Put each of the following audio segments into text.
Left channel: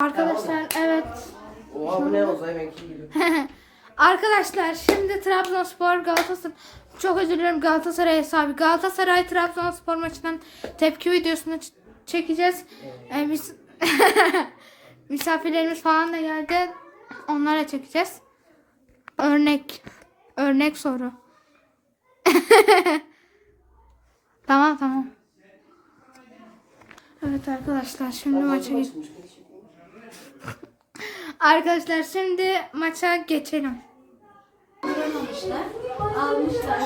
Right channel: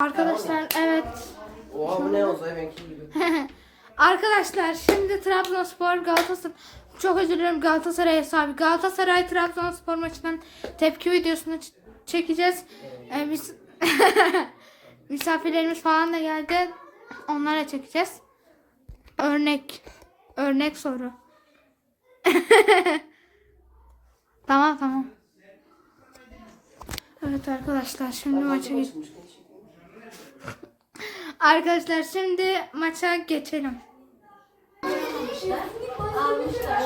Arkadaşlar evet. Oha bu ne olsa benimki gibi. Arkadaşlar şimdi Trabzonspor Galatasaray çok özür dilerim Galatasaray hesabı. Galatasaray Trabzonspor maçından tepki videosunu çekeceğiz. Ee, biz misafirlerimiz falan da geldi. Onlara çekeceğiz. Örnek örnek soru. tamam tamam. Evet arkadaşlar şimdi maça geç. Arkadaşlar şimdi maça geçelim. Almışlar.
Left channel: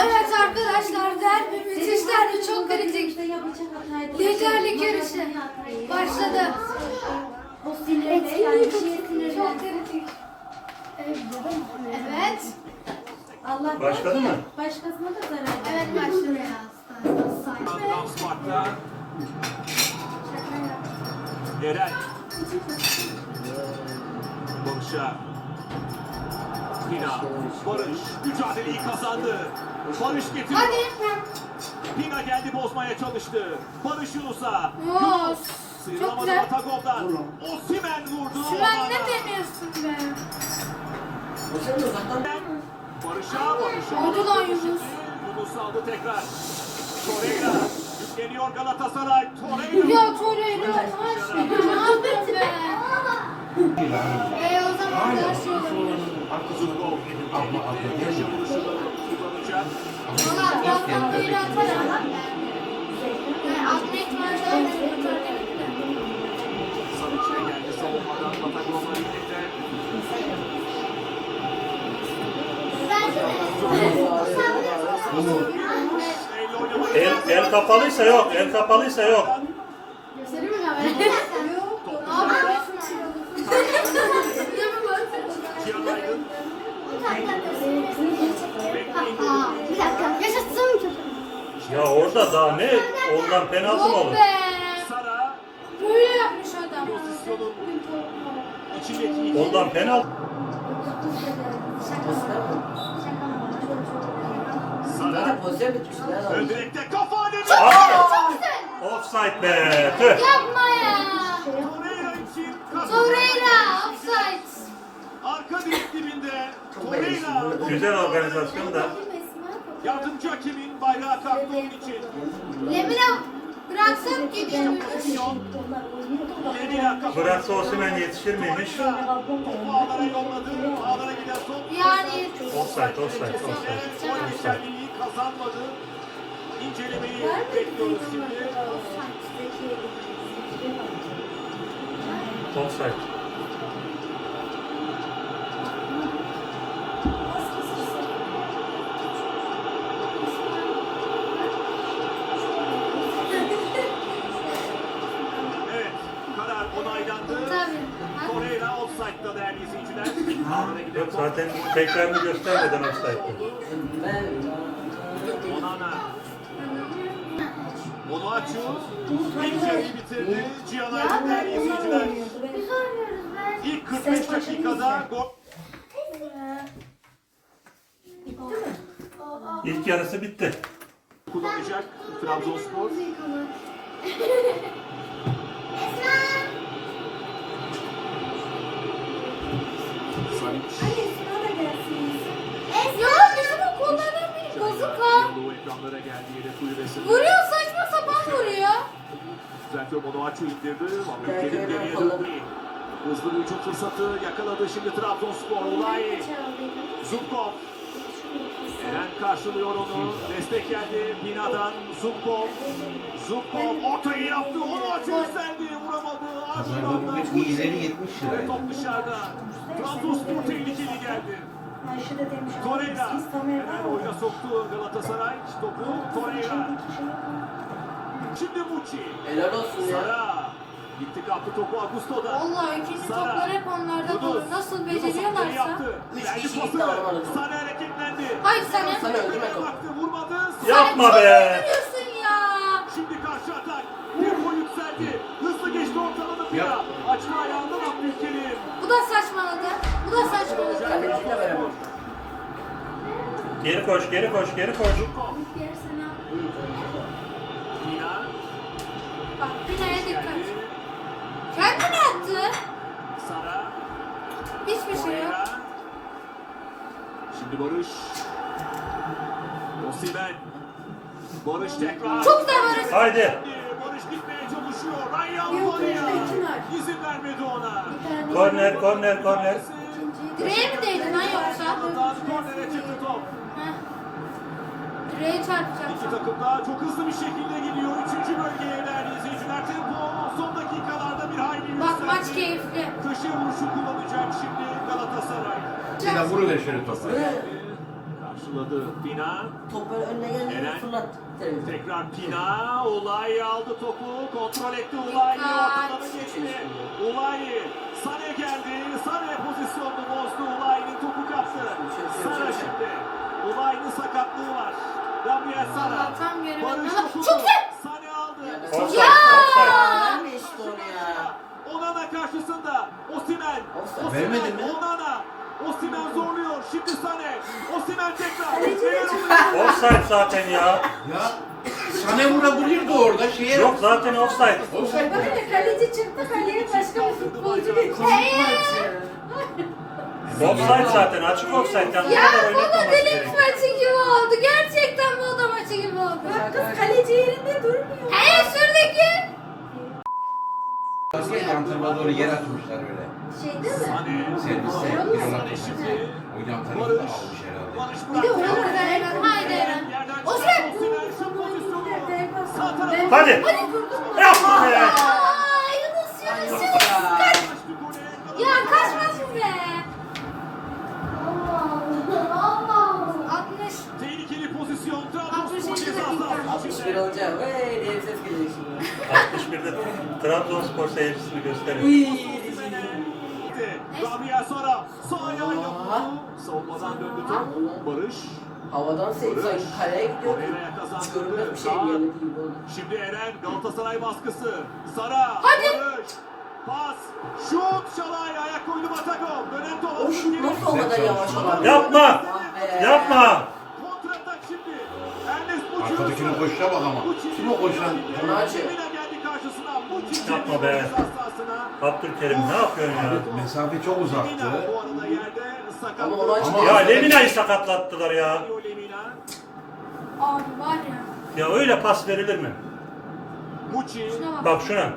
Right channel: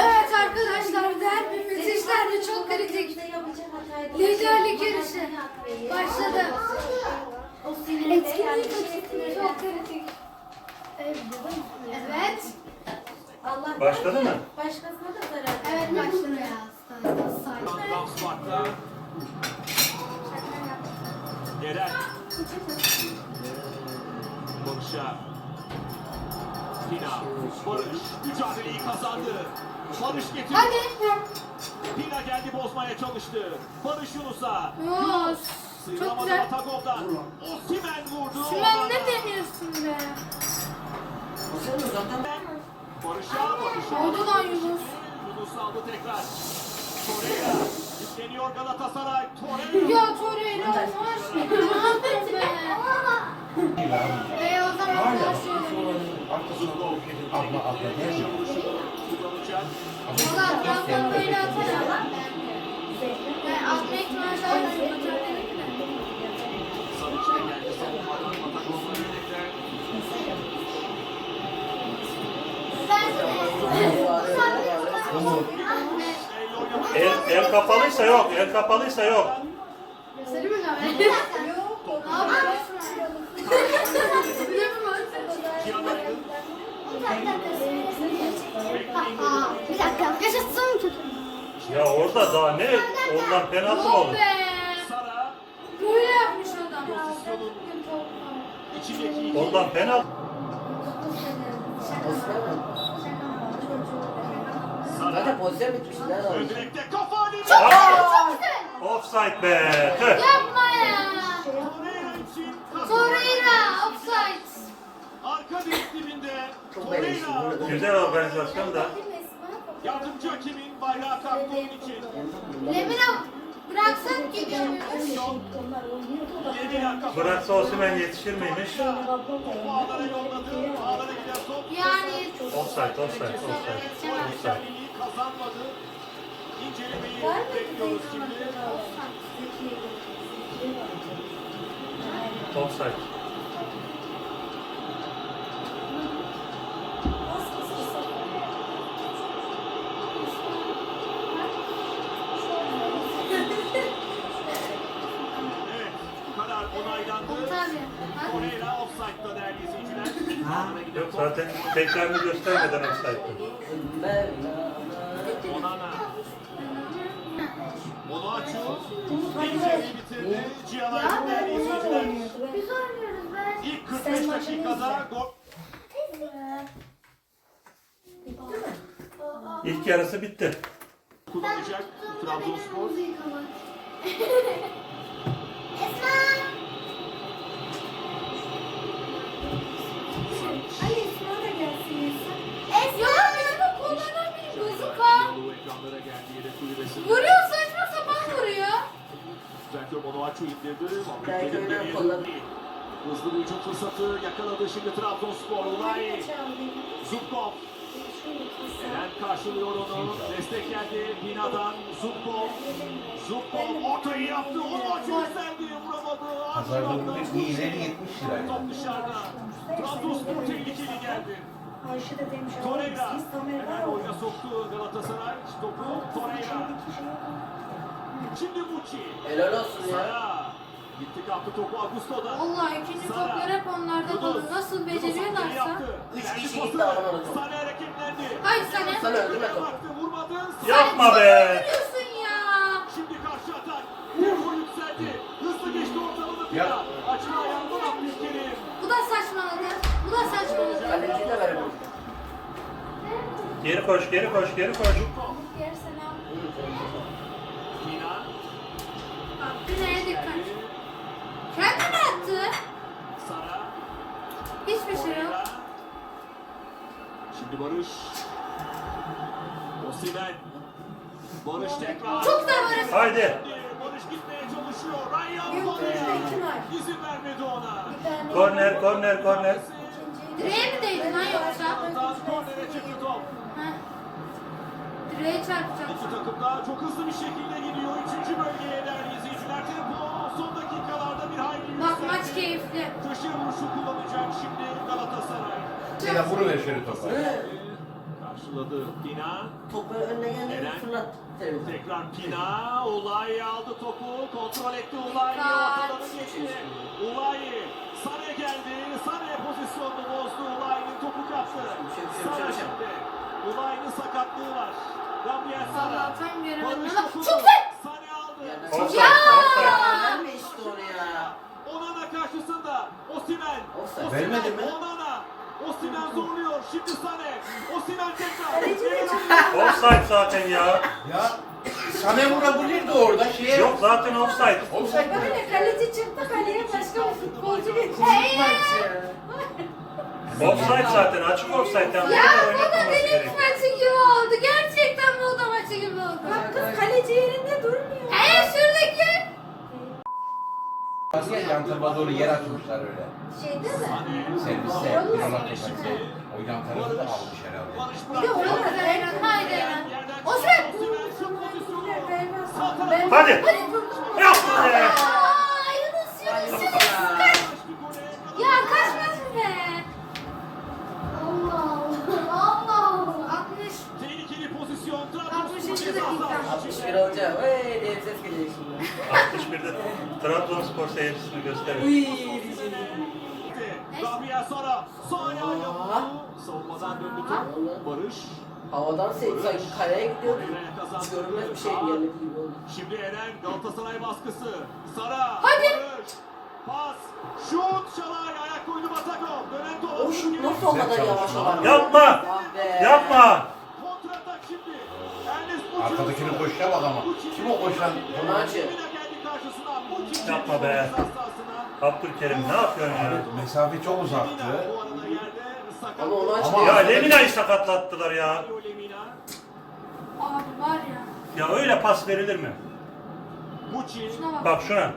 Evet arkadaşlar derbi müthiş derbi çok kritik. Liderlik yarışı başladı. Etkinlik çok kritik. Evet. Allah Başladı mı? Başkasına da zarar. Evet başladı. Eren Barış'a. Pina Barış mücadeleyi kazandı. Barış getirdi Hadi. Pina geldi bozmaya çalıştı. Barış Yunus'a. Yunus. Çok Sıyrılamadı güzel. Atagol'dan Osimhen vurdu Sen ne deniyorsun be? Barış'a Barış'a. Oldu lan Yunus. Yunus aldı tekrar. Torreira yükleniyor Galatasaray. Torreira. Ya Torreira yavaş. Ne yaptın be? El, el kapalıysa yok, el kapalıysa yok. Göstereyim mi ben? Ne yapıyorsun? Cihan Aydın. Bir dakika. Yaşasın. Ya orada daha ne? Ondan penaltı mı olur? be. Sara Böyle yapmış adam. pozisyonun içindeki Ondan penaltı. Zaten pozisyon bitmişti. Ne ön lan? direkte kafa alemi. Ah! Offside be. Tüh. Yapma ya. Torreira için kazandı. Torreira offside. Arka direk dibinde Torreira. Güzel organizasyon da. Yardımcı hakemin bayrağı kalktı onun için. Lemina bıraksan gidiyormuş. Lemina kafa. Bıraksa Osimhen yetişir miymiş? Topu ağlara yolladı. Ağlara giden top. Yani Offside, offside, offside. Gol Offside. güzelliği kazanmadı. İncelemeyi bekliyoruz şimdi. Offside. Offside'da değerli izleyiciler. Yok zaten tekrarını göstermeden offside'dı. Ben... Onana. Onuachu ilk yarıyı bitirdi. Cihan Aydın değerli izleyiciler. Biz oynuyoruz be. İlk 45 dakikada gol. İlk yarısı bitti. kullanacak Trabzonspor. Ya ekranlara geldi yedek kulübesinde. Vuruyor saçma sapan vuruyor. Düzeltiyor Onuachu indirdi. Vallahi geriye döndü. Hızlı bir hücum fırsatı yakaladı şimdi Trabzonspor. Ulay. Zubkov. Eren karşılıyor onu. Destek geldi Bina'dan. Zubkov. Zubkov ortayı yaptı. Onuachu yükseldi. Vuramadı. Pazarda bugün 150 70 lira. Top dışarıda. Trabzonspor tehlikeli geldi. Torreira. Hemen oyuna soktu Galatasaray. Topu Torreira. Şimdi Muçi. Helal olsun ya. Sara. Gitti kaptı topu Augusto'da. Vallahi ikinci Sara. toplar hep onlarda dolu. Nasıl beceriyorlarsa. Üç kişi gitti, alamadı topu. Sane hareketlendi. Hayır sana. Sana öldürme topu. Baktı vurmadı. Yapma Sen be. çok vuruyorsun ya. Şimdi karşı atak. Tempo yükseldi. Hızlı geçti ortalarını Pina. De veremem. Geri koş, geri koş, geri koş. Bak Pina'ya dikkat. Geldi. Kendine attı. Sara. Hiçbir şey yok. Şimdi Barış. Osimhen. Barış tekrar. Çok güzel Barış. Haydi. Barış gitmeye çalışıyor. Ryan var. İzin vermedi ona. Korner, korner, korner. Direğe mi değdi lan yoksa? Direğe çarpacak. İki takım da çok hızlı bir şekilde gidiyor. Üçüncü bölgeye değerli izleyiciler. Tempo son dakikalarda bir hayli. Bak maç keyifli. Köşe vuruşu kullanacak şimdi Galatasaray. Yine vurur eşleri topa. Karşıladı Pina. Top böyle önüne geldi. Fırlat. Tekrar Pina. Ulay aldı topu. Kontrol etti Ulay. Ortadan geçti. Ulay. Sane geldi. Sane pozisyonunu sakatlığı var. Gabriel Sara. Vallahi tam göremedim Barış topunu. çok güzel. Sane aldı. Offside, offside. Ben de işte onu ya. Onana karşısında Osimen. Offside. Vermedi mi? Onana. Osimen zorluyor. Şimdi Sane. Osimen tekrar. Offside zaten ya. Ya sana vurabilirdi orada şeye. Yok zaten offside. Offside Bakın ya, kaleci çıktı kaleye başka bir futbolcu geçti. Offside zaten. Açık offside. Yani Ya bu kadar bu da oynatmaması deniz gerek. maçı gibi oldu. Gerçekten bu da maçı gibi oldu. Bak kız kaleci yerinde durmuyor. Hey şuradaki. Yan tarafa doğru yer atmışlar öyle. Şeyde mi? Serviste Yok, bir yok. olan O yan tarafı da almış herhalde. Bir de Çok güzel Eren. Haydi Eren. O sen. Ben Hadi. durdum. Yapma be. Aa, Yunus Yunus Yunus. 61 içinde. alacağım. Hey ses geliyor şimdi. 61'de Trabzonspor seyircisini gösterir. Uy. Gabriel Sara. Yaptı. Savunmadan döndü top. Barış. Havadan sanki kaleye gidiyor. Görünmez bir şey oldu. Şimdi Eren Galatasaray baskısı. Sara. Hadi. Barış. Pas. Şut. Şalay. Ayak koydu Batakov. Dönen top. O şut nasıl olmadan yavaş olan? Yapma. Ah. Yapma. Arkadakinin koşuşa bak ama. Kim o koşan? Muçi. Yapma be. Abdülkerim ne yapıyorsun ya? Mesafe çok uzaktı. Ama onu açtı. Ama- Ya Lemina'yı sakatlattılar ya. Abi var ya. Ya öyle pas verilir mi? Muçi. Şuna bak. Bak şuna.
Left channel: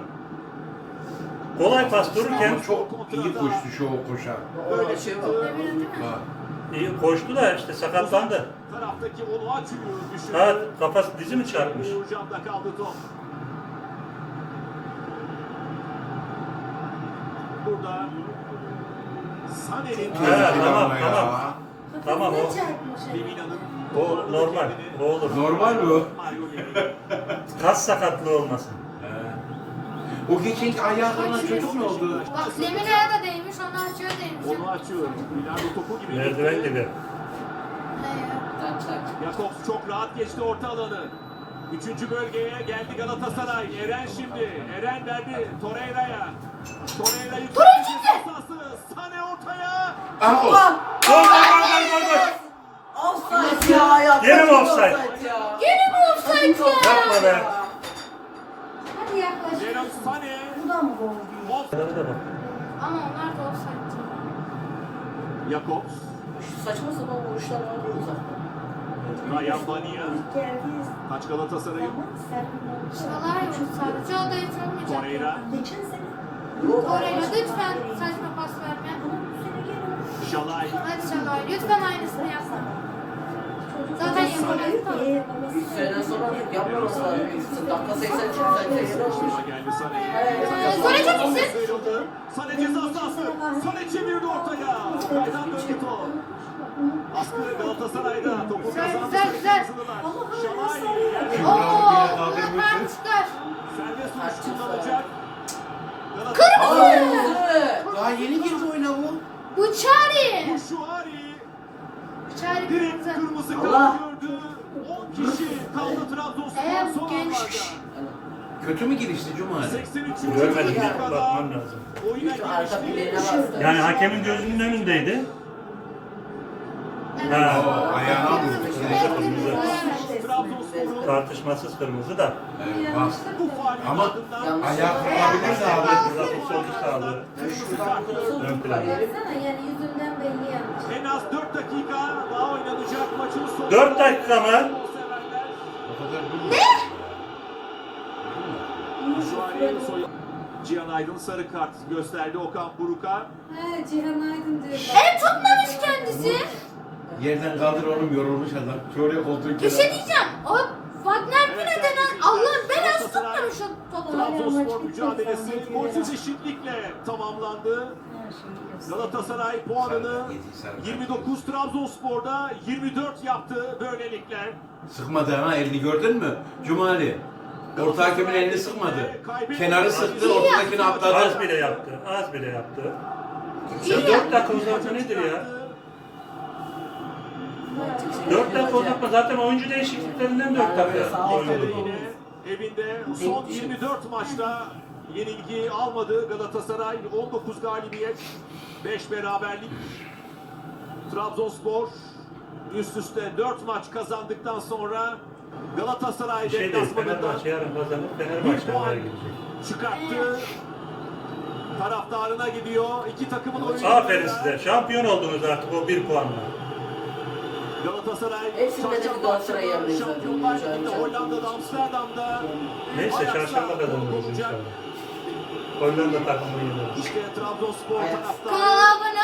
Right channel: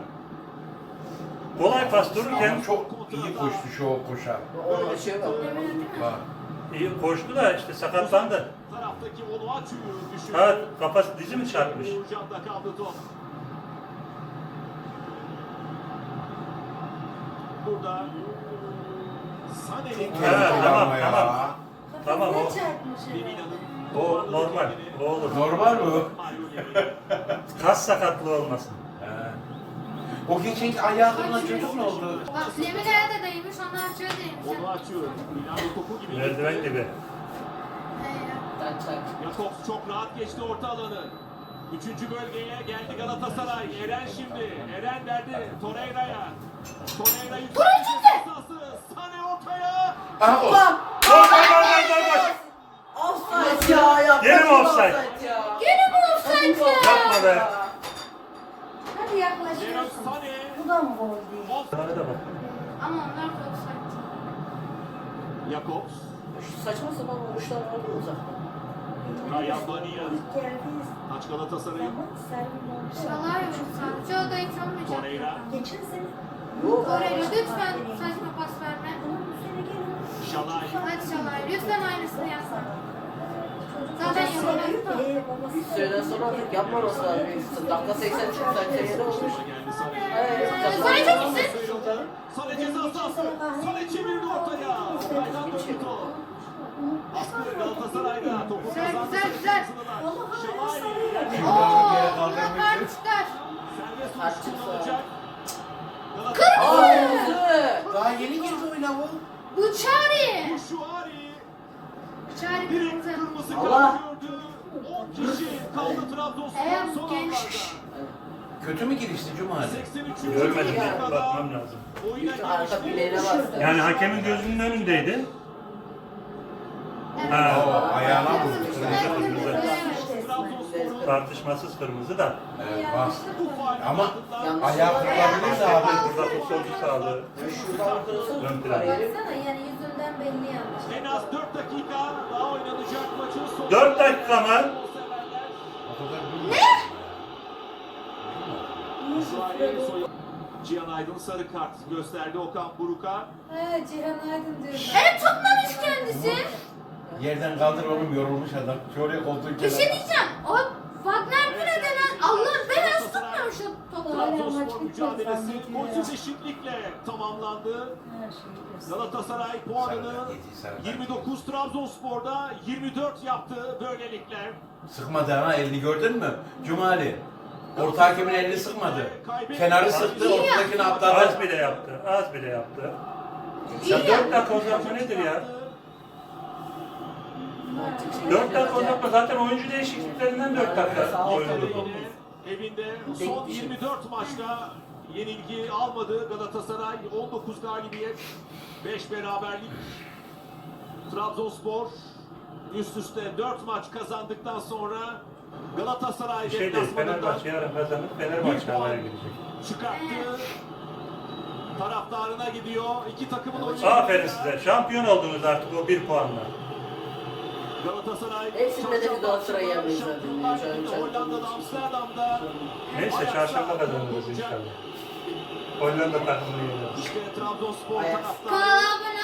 Kolay pas dururken Ama çok iyi koştu şu o koşa. Ona şey var. Bak. İyi koştu da işte sakatlandı. Taraftaki onu açıyor. Düşürdü. Ha kafası dizi mi çarpmış? Uğurcan'da kaldı top. Burada Sané'nin Evet, tamam, tamam. Tamam o. O normal. O olur. Normal mi o? Kas sakatlığı olmasın. He. O geçen ayağı kırılan çocuk ne oldu? Bak Lemina'ya da değmiş, ona açıyor değmiş. Onu açıyor. Rinaldo topu gibi. Merdiven gibi. Jakobs çok rahat geçti orta alanı. Üçüncü bölgeye geldi Galatasaray. Eren şimdi. Eren verdi Torreira'ya. Torreira yükseltti. Sane ortaya. Aha o. Ulan! Gol gol gol gol gol. Offside ya ya. Gene mi offside? Gene mi offside ya? Yapma be. Hadi yaklaş. Leroy Sané. Bu da mı gol değil? Ama onlar da offside. Jakobs. Şu saçma sapan vuruşlar var ya uzaktan. Ryan Bania. Geldiğiniz Kaç Galatasaray'ın? Şalay o da hiç olmayacak. Torreira. Torreira lütfen saçma pas verme. bu Şalay. Hadi Şalay, lütfen aynısını yapma. Zaten yapamaz da. Ee, Bir süreden sonra artık yapmaması lazım. Dakika 80 çıktı. Seviyede olmuş. Geldi Sané. Evet. Sané çok iyisin. Sıyrıldı. Sané ceza sahası. Sané çevirdi ortaya. Ortadan döndü top. Askırı Galatasaray'da. Topu Güzel, kazandı. güzel, güzel. Ooo, hemen çıkar. Serbest vuruş kullanacak. Aa, kırmızı. Daha yeni girdi oyuna bu. Bu Çari. Şuari. Çari Direkt kırmızı. kırmızı Allah. kart gördü. 10 kişi kaldı Trabzonspor son anlarda. Kötü mü girişti Cuma? 83. Görmedim dakikada bakmam lazım. Oyuna Şu arka bileğine girişti. bastı. Yani hakemin gözünün önündeydi. Ha. Ayağına vurdu. Kırmızı, kırmızı. Trabzonspor'un Tartışmasız kırmızı da. Evet. Bu Ama ardından ayağı kırılabilir de abi. Burada futbolcu sağlığı. Ön plan. Yani yüzünden belli yani. en az 4 dakika daha oynanacak maçın sonu. 4 dakika mı? Soyu- Cihan Aydın sarı kart gösterdi Okan Buruk'a. Ha Cihan Aydın diyor. El tutmamış kendisi. Yerden kaldır oğlum yorulmuş adam. Şuraya koltuğun Bir şey diyeceğim. O Wagner Pire denen Allah'ın belası tutmamış o topu. Trabzonspor mücadelesi golsüz eşitlikle tamamlandı. Galatasaray puanını 29 Trabzonspor'da 24 yaptı böylelikle. Sıkmadı ama elini gördün mü? Cumali. Orta hakemin elini sıkmadı. Kenarı sıktı, ortadakini Az atladı. bile yaptı. Az bile yaptı. Ya 4 dakika uzatma nedir ya? 4 dakika uzatma zaten oyuncu değişikliklerinden 4 dakika oynadı. Evinde, son 24 maçta yenilgi almadı Galatasaray. 19 galibiyet, 5 beraberlik. Trabzonspor üst üste 4 maç kazandıktan sonra Galatasaray Bir şey deplasmanından Fenerbahçe yarın kazanıp bir Fenerbahçe puan çıkarttı. Taraftarına gidiyor. İki takımın oyuncuları. Aferin size. Şampiyon oldunuz artık o 1 puanla. Galatasaray Hepsinde de bir Galatasaray akşamı yerdeyiz Şampiyonlar zaten. Ligi'nde Hollanda'da Amsterdam'da Neyse çarşamba kazanırız inşallah. Hollanda takımını yeneriz. İşte Trabzonspor Evet. taraftarı. Kanala abone